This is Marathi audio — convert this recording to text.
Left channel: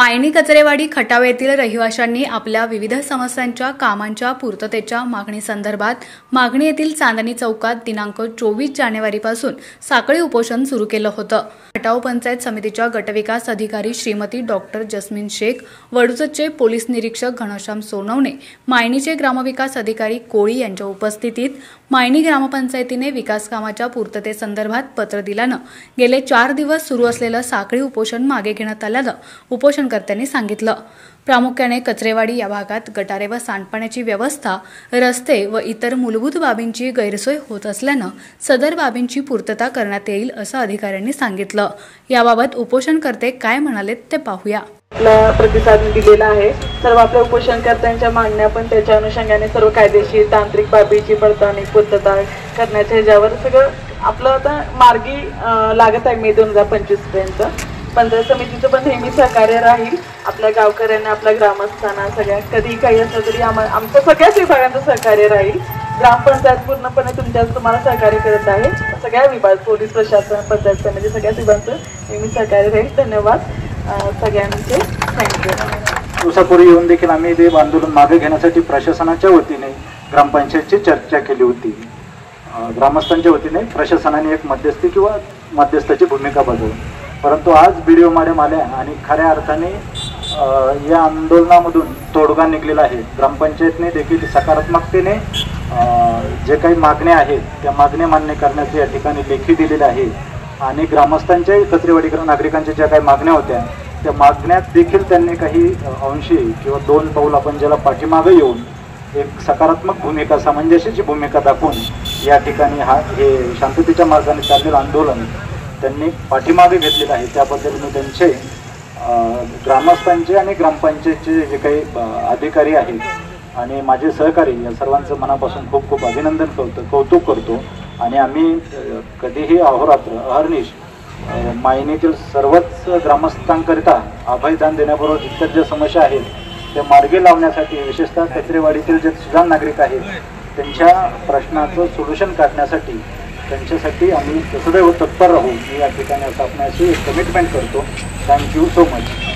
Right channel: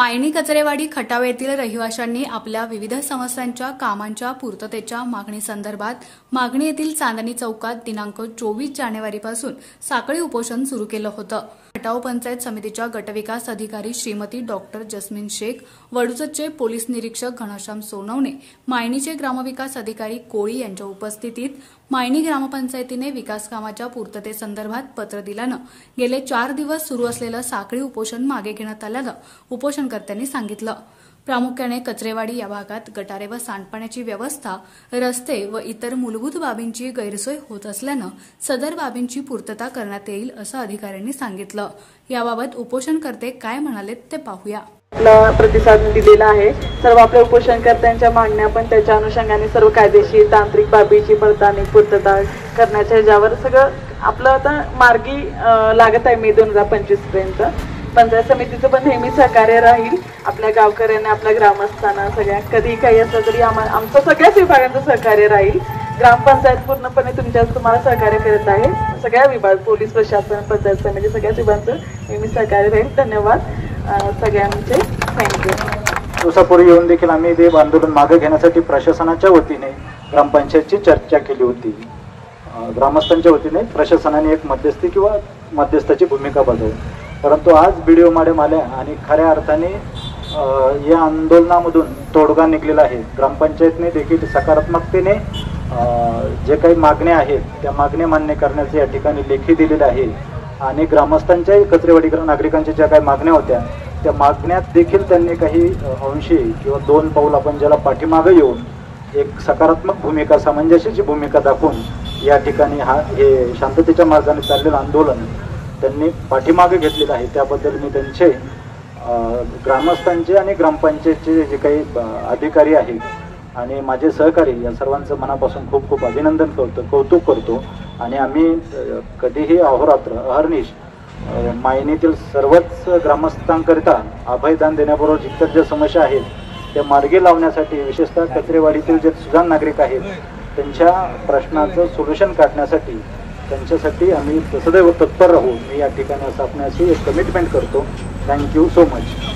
मायणी कचरेवाडी खटाव येथील रहिवाशांनी आपल्या विविध समस्यांच्या कामांच्या पूर्ततेच्या मागणीसंदर्भात मागणी येथील चांदणी चौकात दिनांक 24 जानेवारीपासून साखळी उपोषण सुरू केलं होतं। खटाव पंचायत समितीच्या गटविकास अधिकारी श्रीमती डॉक्टर जस्मीन शेख, वडूजचे पोलीस निरीक्षक घनश्याम सोनवणे, मायणीचे ग्रामविकास अधिकारी कोळी यांच्या उपस्थितीत मायणी ग्रामपंचायतीने विकास कामाच्या पूर्ततेसंदर्भात पत्र दिल्यानं गेले 4 दिवस सुरू असलेलं साखळी उपोषण मागे घेण्यात आल्याचं उपोषणकर्त्यांनी सांगितलं। प्रामुख्याने कचरेवाडी या भागात गटारे व सांडपाण्याची व्यवस्था, रस्ते व इतर मूलभूत बाबींची गैरसोय होत असल्यानं सदर बाबींची पूर्तता करण्यात येईल असं अधिकाऱ्यांनी सांगितलं। याबाबत उपोषणकर्ते काय म्हणाले ते पाहूया। आपला प्रतिसाद दिलेला आहे। सर्व आपल्या उपोषणकर्त्यांच्या मागण्या पण त्याच्या अनुषंगाने सर्व कायदेशीर तांत्रिक बाबीची पडताळणी पूर्तता करण्याच्या ह्याच्यावर सगळं आपलं आता मार्गी लागत आहे। मे 2025 पर्यंत पंचायत समितीचं पण नेहमी सहकार्य राहील। आपल्या गावकऱ्यांना, आपल्या ग्रामस्थांना सगळ्या कधी काही असलं तरी आमचं सगळ्याच विभागांचं सहकार्य राहील। ग्रामपंचायत पूर्णपणे तुम्हाला सहकार्य करत आहे। सगळ्या विभाग, पोलीस प्रशासन, पंचायत समिती सगळ्याच विभागांचं नेहमी सहकार्य राहील। धन्यवाद सगळ्यांचे, थँक्यू। दिवसापूर्वी येऊन देखील आम्ही ते आंदोलन मागे घेण्यासाठी प्रशासनाच्या वतीने ग्रामपंचायतची चर्चा केली होती। ग्रामस्थांच्या वतीने प्रशासनाने एक मध्यस्थी किंवा मध्यस्थाची भूमिका बजावली, परंतु आज व्हिडिओ मॅडम आल्या आणि खऱ्या अर्थाने या आंदोलनामधून तोडगा निघलेला आहे। ग्रामपंचायतने देखील सकारात्मकतेने जे काही मागण्या आहेत त्या मागण्या मान्य करण्याचे या ठिकाणी लेखी दिलेले आहे आणि ग्रामस्थांच्याही कचरेवाडी नागरिकांच्या ज्या काही मागण्या होत्या त्या मागण्यात देखील त्यांनी काही अंशी किंवा 2 पाऊल आपण ज्याला पाठीमागे येऊन एक सकारात्मक भूमिका, सामंजस्याची भूमिका दाखवून या ठिकाणी हे शांततेच्या मार्गाने चाललेलं आंदोलन त्यांनी पाठीमागे घेतलेलं आहे। त्याबद्दल मी त्यांचे ग्रामस्थांचे आणि ग्रामपंचायतचे जे काही अधिकारी आहेत आणि माझे सहकारी या सर्वांचं मनापासून खूप खूप अभिनंदन करतो, कौतुक करतो आणि आम्ही कधीही अहोरात्र अहर्निश मायनीतील सर्वच ग्रामस्थांकरिता अभयदान देण्याबरोबर इतर ज्या समस्या आहेत त्या मार्गी लावण्यासाठी, विशेषतः कचरेवाडीतील जे सुजाण नागरिक आहेत त्यांच्या प्रश्नाचं सोल्युशन काढण्यासाठी त्यांच्यासाठी आम्ही सदैव तत्पर राहू या ठिकाणी असं आपल्याशी एक कमिटमेंट करतो। Thank you so much.